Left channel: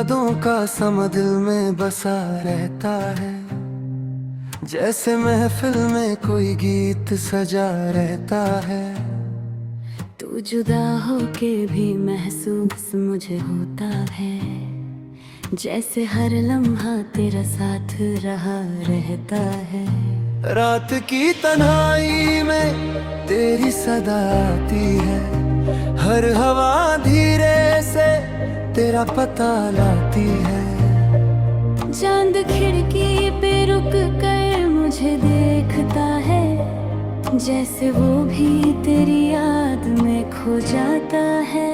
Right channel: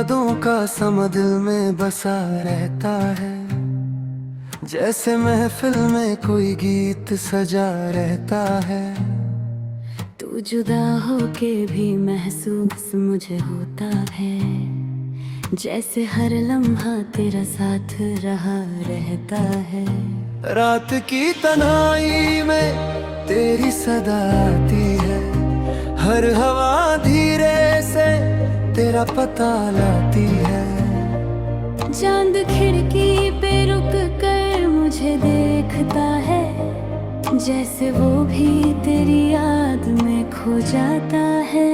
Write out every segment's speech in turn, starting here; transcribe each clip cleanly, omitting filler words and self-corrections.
यादों का समा दिल में बसा रहता है, जैसे महफिल में कोई गीत सजा रहता है। तू जुदा होके भी महसूस मुझे होता है, जैसे हर लम्हा तेरा साथ रहा रहता है। रात की तन्हाई में तेरी सदा आती है, हर हवा धीरे से तेरा पता लाती है। चांद खिड़की पे रुक कर मुझे देखता है, जैसे वो भी तेरी याद में खो जाता है।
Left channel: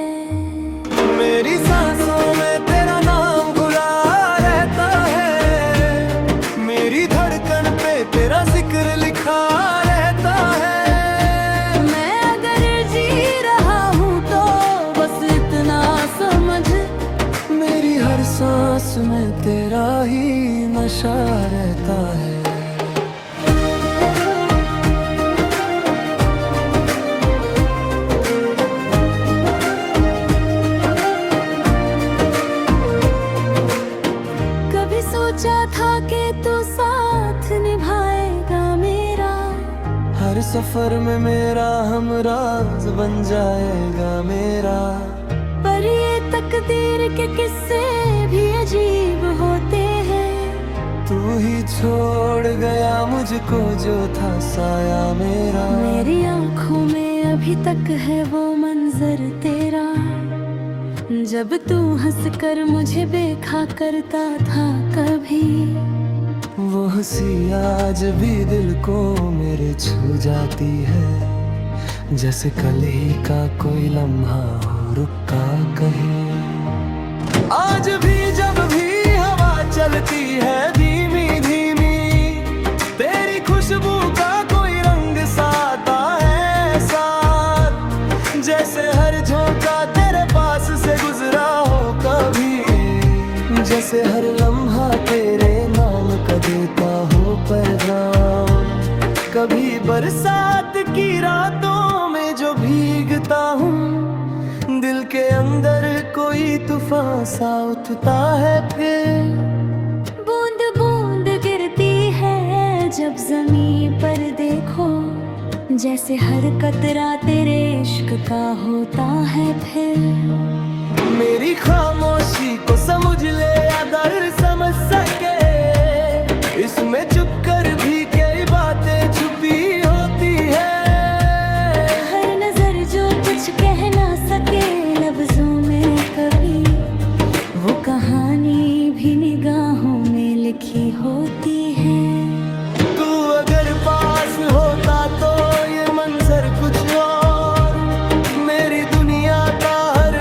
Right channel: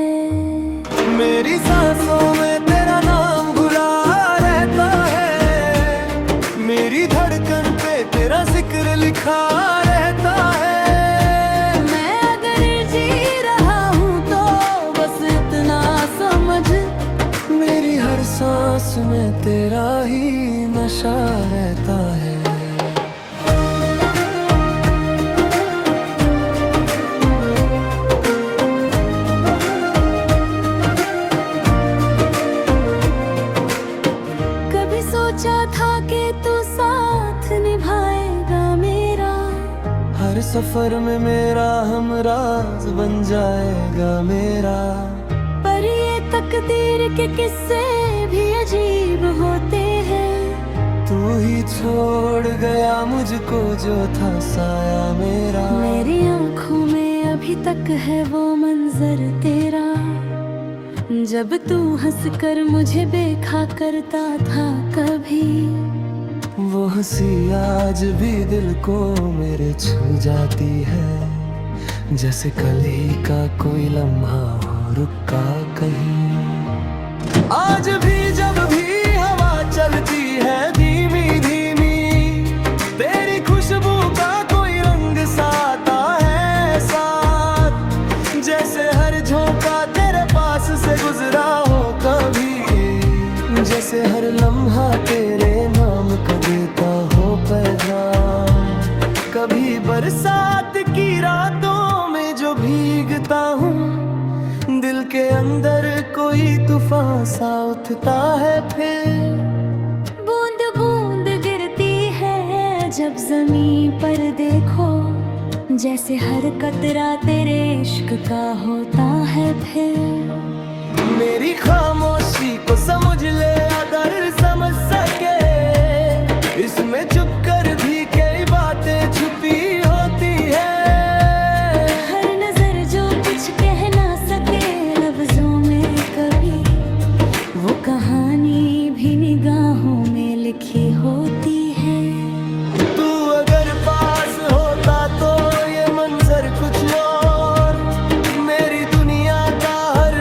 मेरी सांसों में तेरा नाम घुला रहता है, मेरी धड़कन पे तेरा जिक्र लिखा रहता है। मैं अगर जी रहा हूँ तो बस इतना समझ, मेरी हर सांस में तेरा ही नशा रहता है। कभी सोचा था कि तू साथ निभाएगा मेरा, हर सफर में मेरा हमराज बन जाएगा मेरा। पर ये तकदीर के किस्से भी अजीब होते हैं। तू ही छोड़ गया मुझको जो था साया मेरा। मेरी आंखों में अभी तक है वो मंजर तेरा, जब तू हंसकर मुझे देखा करता था कभी। वो हंसी आज भी दिल को मेरे छू जाती है, जैसे कल ही का कोई लम्हा हो रुका कहीं। आज भी जब भी हवा चलती है धीमी धीमी, तेरी खुशबू का कोई रंग साता है साथ, जैसे हर झोंका तेरे पास से गुजरा हो कभी, जैसे हर लम्हा तेरे नाम का देता हो पैगाम। कभी बरसात की रातों में जो भीगता हूँ, दिल के अंदर कोई तूफान सा उठता है। फिर बूंद बूंद गिरती है जब जमीन पर देखो, जैसे हर कतरा तेरे इश्क का होता है। फिर मेरी खामोशी को समझ ले या दर्द समझ सके, इसमें चुप कर भी कई बातें छुपी होती है। हर नजर जो कुछ कह ना सके लफ्जों में कभी, वो कहानी भी निगाहों में लिखी होती है। तू अगर पास होता तो ये मंजर कुछ और, मेरी दुनिया का हर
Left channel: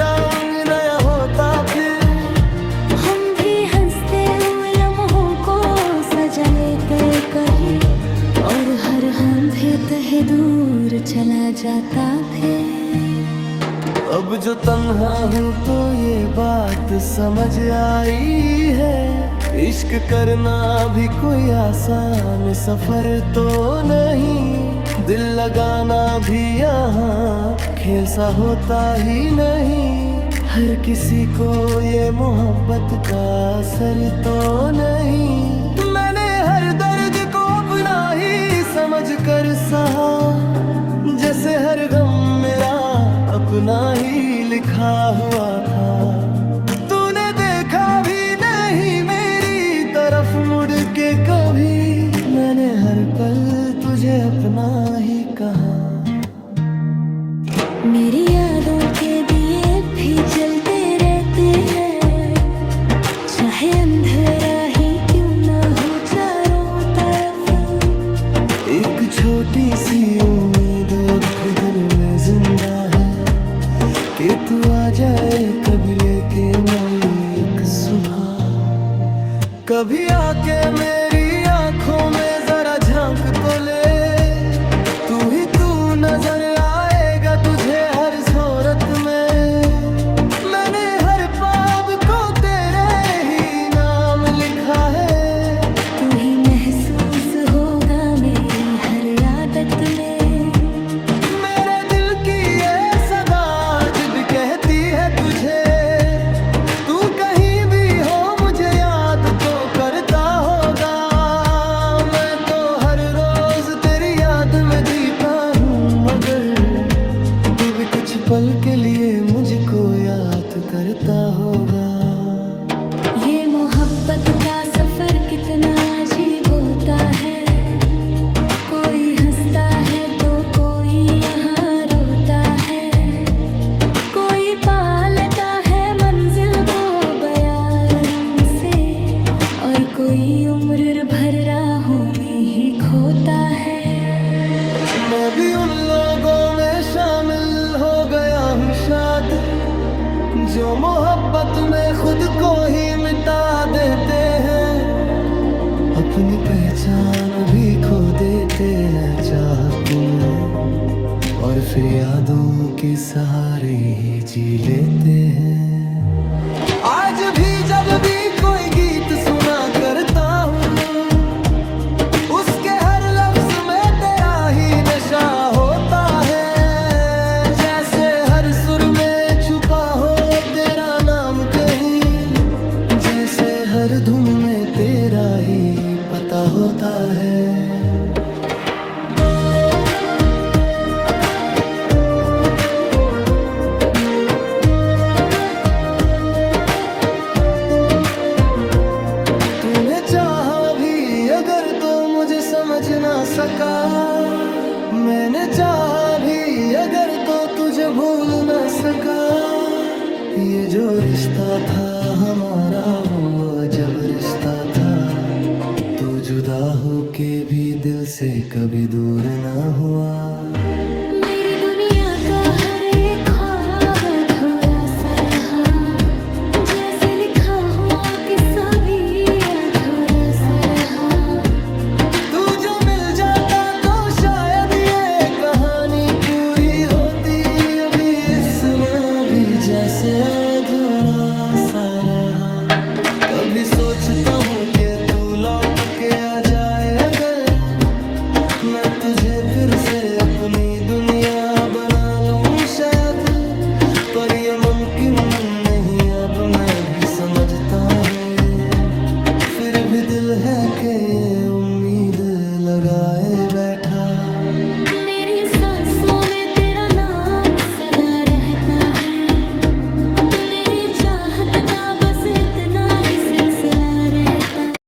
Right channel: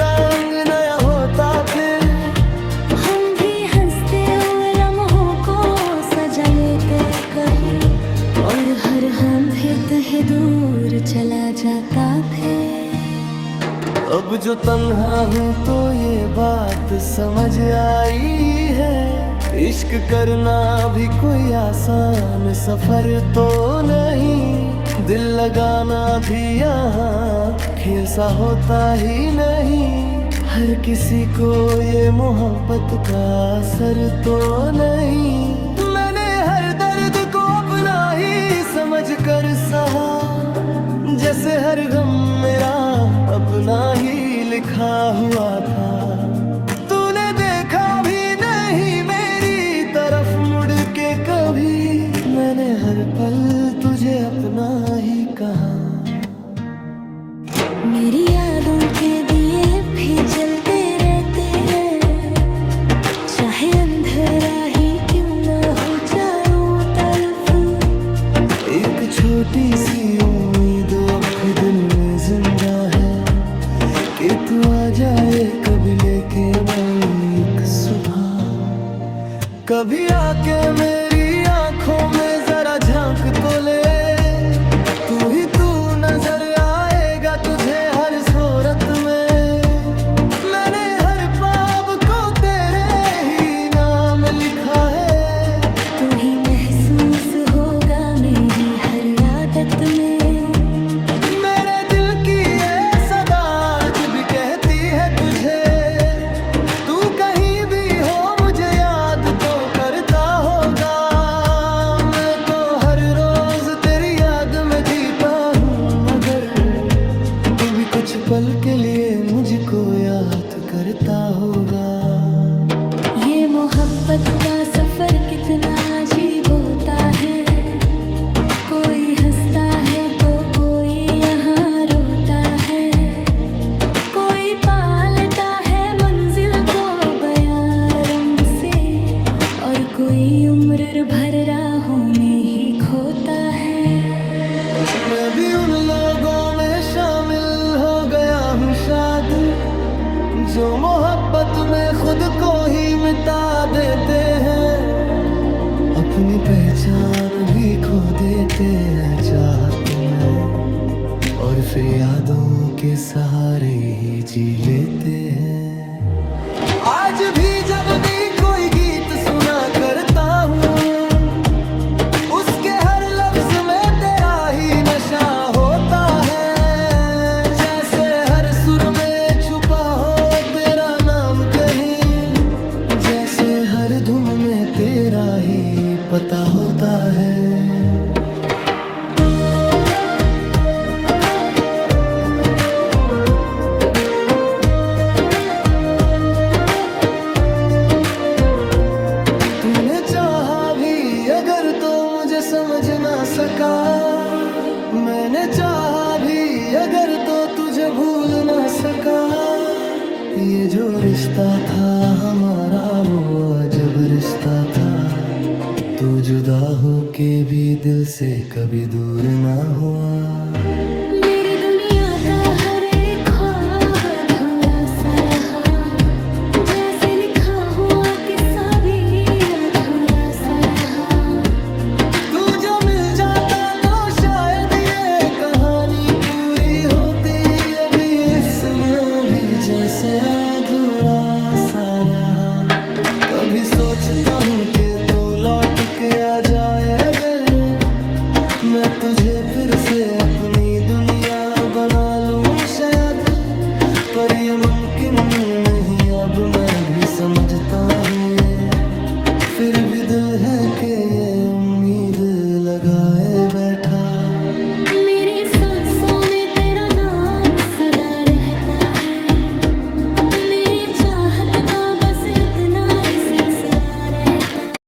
रंग नया होता। फिर हम भी हंसते हुए लम्हों को सजा लेते कहीं, और हर अंधे तहे दूर चला जाता। फिर अब जो तन्हा हूँ तो ये बात समझ आई है, इश्क करना भी कोई आसान सफर तो नहीं, दिल लगाना भी यहाँ खेल सा होता ही नहीं। हर किसी को ये मोहब्बत का असर तो नहीं। मैंने हर दर्द को अपना ही समझ कर सहा, जैसे हर गम मेरा अपना ही लिखा हुआ था। तूने देखा भी नहीं मेरी तरफ मुड़ के कभी, मैंने हर पल तुझे अपना ही कहा। मेरी यादों के दिए भी जलते रहते हैं, चाहे अंधेरा ही क्यों न हो चारों तरफ। एक छोटी सी उम्मीद अब भी दिल में जिंदा है, कि तू आ जाए कभी लेके नई एक सुबह। कभी आके मेरी आंखों में जरा झांक तो ले, तू ही तू नजर आएगा तुझे हर सूरत में। मैंने हर पाप को तेरे ही नाम लिखा है, तू ही महसूस होगा मेरी हर आदत में। मेरे दिल की ये सदा आज भी कहती है तुझे, तू कहीं मरता होगा। मैं तो हर रोज तेरी याद में जीता हूँ, मगर तू भी कुछ पल के लिए मुझको याद करता होगा। ये मोहब्बत का सफर कितना अजीब होता है, कोई हंसता है तो कोई यहाँ रोता है, कोई पा लेता है मंजिल को बयारम से, और कोई उम्र भर राहों में ही खोता है। मैं भी उन लोगों में शामिल हो गया हूँ शायद, जो मोहब्बत में खुद को ही मिटा देते हैं, अपनी पहचान भी खो देते हैं चाहत में, और फिर यादों के सहारे ही जी लेते हैं। आज भी जब भी कोई गीत सुना करता हूँ, उसके हर लफ्ज में तेरा ही नशा होता है, जैसे हर सुर में छुपा हो तेरा नाम कहीं, जैसे हर धुन में तेरा ही पता होता है। तूने चाहा भी अगर तो मुझे समझ ना सका, मैंने चाहा भी अगर तो तुझे भूल ना सका। ये जो रिश्ता था हमारा वो अजब रिश्ता था, तू जुदा हो के भी दिल से कभी दूर ना हुआ। मेरी दुनिया का हर एक ख्वाब अधूरा सा रहा, जैसे लिखा हुआ किस्सा भी अधूरा सा रहा। तू जो मिल जाता तो शायद ये कहानी पूरी होती, अभी सुना भी जैसे अधूरा सा रहा। कभी सोचता हूँ कि तू लौट के आ जाए अगर, मैं तुझे फिर से अपनी दुनिया बना लूं शायद, पर ये मुमकिन नहीं अब मैं भी समझता हूँ ये, फिर भी दिल है कि ये उम्मीद लगाए बैठा। मेरी सांसों में तेरा नाम सदा रहता है, तू मेरी चाहत का बस इतना ही सिलसिला रहता।